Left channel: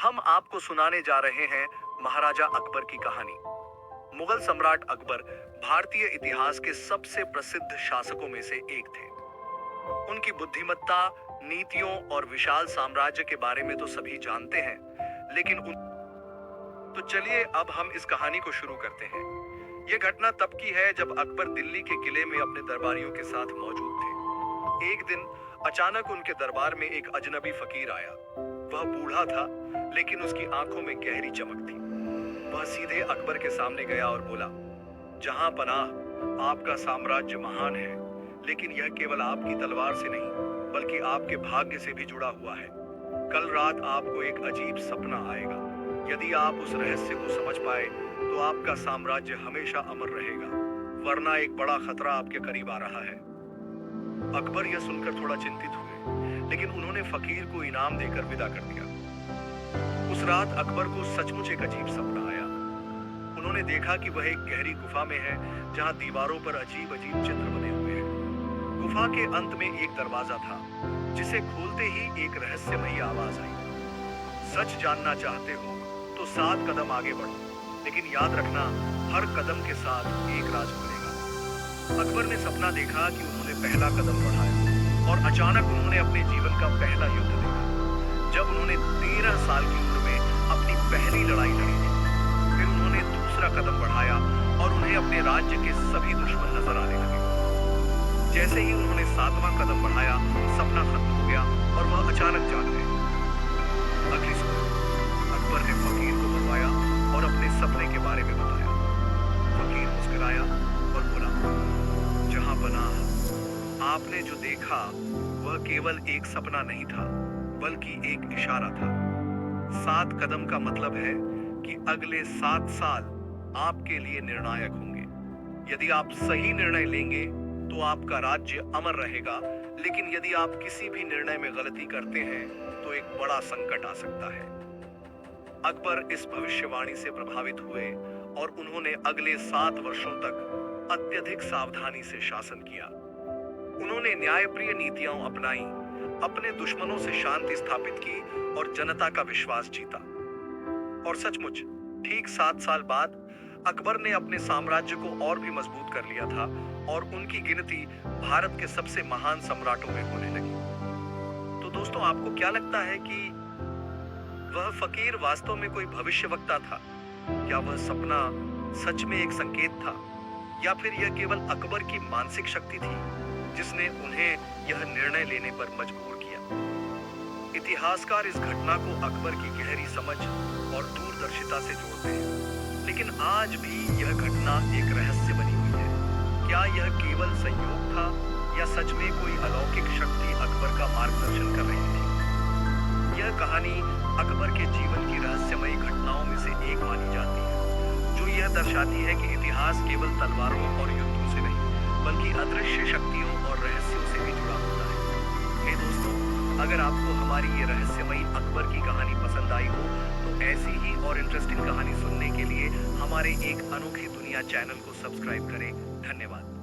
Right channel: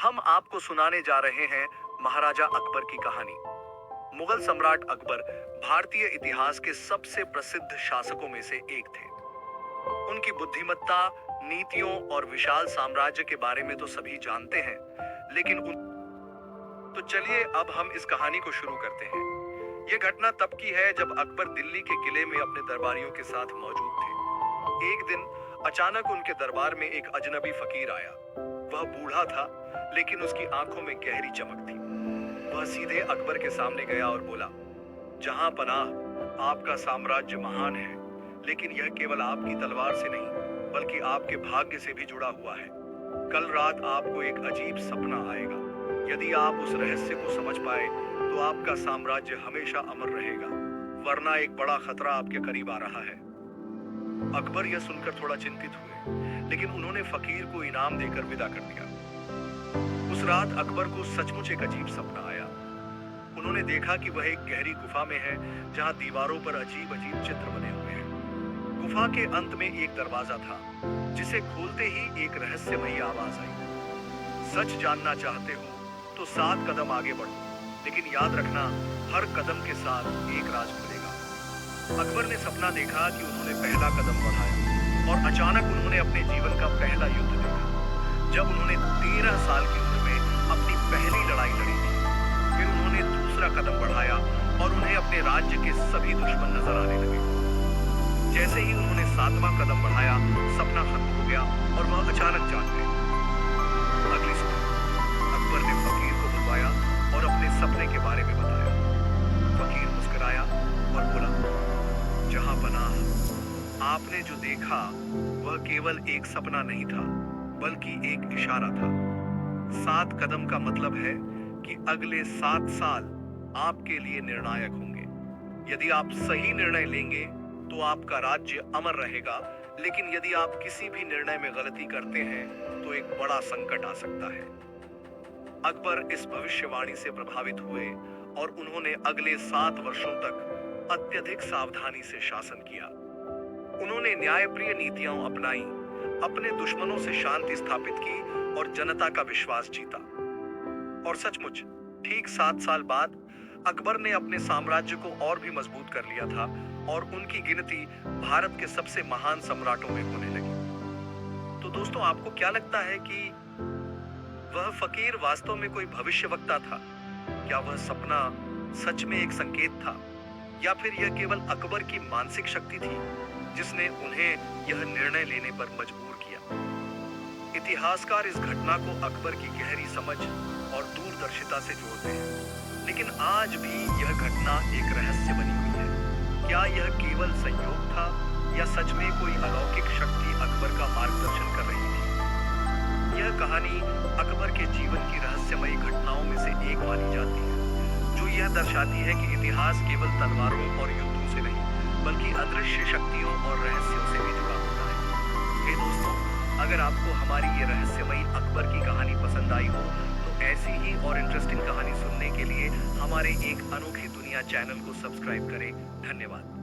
हम आपको सुनाने जा रहे हैं महाराजा अकबर की कहानी। मुगल सम्राट अकबर भारतीय इतिहास के सबसे प्रसिद्ध शासकों में से एक थे। उनकी बुद्धिमत्ता, नीतियों और विशाल साम्राज्य के बारे में तो सभी जानते हैं, लेकिन तो चलिए अब हम इस कहानी को शुरू करते हैं। यह घटना तब की है जब अकबर दिल्ली के किले में अपने दरबारियों के साथ मौजूद थे। एक दिन अचानक उनके दरबार में एक अजनबी फकीर आया। वह बूढ़ा था, लेकिन उसकी आंखों में गहरी चमक थी। वह सीधे अकबर के सामने गया और बोला, जहां पनाह, आपका साम्राज्य महान है, लेकिन यह केवल आपकी तलवार से नहीं बल्कि आपके भाग्य से भी जुड़ा हुआ है। कल रात आपको एक अजीब सपना आएगा। यदि आप उस रहस्य को समझ पाए तो आपका साम्राज्य हमेशा अमर रहेगा, वरना एक बड़ा खतरा आपके करीब आ रहा है। अकबर यह सुनकर थोड़ा चिंतित हुए, लेकिन उन्होंने फकीर को इनाम देकर विदा कर दिया। उस रात अकबर को सचमुच एक अजीब सपना आया। उन्होंने देखा कि वह एक गहरी गुफा में है, जहां दीवारों पर अजीब अजीब चित्र बने हुए हैं। गुफा के अंत में एक दरवाजा था, जिसे खोलते ही एक रहस्यमयी आवाज आई, सच जानना चाहते हो तो 7 कदम आगे बढ़ो, लेकिन याद रखना, हर कदम के साथ एक राज खुलेगा। अकबर ने सपना देखा कि उन्होंने पहला कदम बढ़ाया और अचानक उन्होंने अपने जीवन का पहला युद्ध देखा, जब उन्होंने 13 साल की उम्र में अपनी पहली लड़ाई लड़ी थी। फिर उन्होंने दूसरा कदम बढ़ाया और उन्हें अपने राज्य के सभी दुश्मन नजर आने लगे। जैसे ही उन्होंने 7वां कदम बढ़ाया, सपना खत्म हो गया और वह अचानक जाग गए। अगली सुबह अकबर ने फकीर को बुलवाया और अपने सपने के बारे में बताया। फकीर मुस्कुराया और बोला, जहां पनाह, आपने जो देखा वह केवल एक सपना नहीं था, बल्कि एक इशारा था। 7 कदम का मतलब है कि अगले 7 साल आपके लिए निर्णायक होंगे। यदि आप सही निर्णय लेंगे तो आपका राज्य अमर रहेगा, लेकिन यदि आप किसी भी निर्णय में गलती करते हैं तो एक बड़ा संकट आ सकता है। अकबर इस भविष्यवाणी से प्रभावित हुए और उन्होंने अगले 7 वर्षों तक अत्यधिक सावधानी से शासन किया। उन्होंने न्यायप्रिय नीतियां अपनाई, अपने दुश्मनों से शांति स्थापित की और जनता का विश्वास जीता। और सचमुच ठीक 7 साल बाद अकबर ने अपने साम्राज्य को और भी मजबूत कर लिया था और उनकी गिनती भारत के सबसे महान सम्राटों में होने लगी। तो दोस्तों, आपको क्या लगता है कि वह फकीर वास्तव में कोई भविष्यवक्ता था? क्या वह सपना सच में एक संकेत था, या फिर यह केवल अकबर की मानसिक शक्ति थी जिसने उन्हें यह निर्णय लेने पर मजबूर किया? इतिहासकार इस घटना को अकबर की गहरी समझ और दूरदर्शिता से जोड़ते हैं, लेकिन आज भी यह घटना एक रहस्य बनी हुई है। क्या यह केवल संयोग था, या सच में कोई अलौकिक शक्ति अकबर का मार्गदर्शन कर रही थी? यह कहानी अकबर के जीवन की रहस्यमयी घटनाओं में से एक मानी जाती है, जो यह दर्शाती है कि इतिहास केवल तलवारों और युद्धों से नहीं बल्कि अदृश्य शक्तियों और रहस्यों से भी जुड़ा होता है। हे दोस्तों, अगर आपको हमारी ये रहस्यमयी अकबर की कहानी पसंद आई हो तो ऐसी ही और इंटरेस्टिंग कहानी सुनने के लिए हमारे एक अनोखी दुनिया चैनल को सब्सक्राइब करें। धन्यवाद।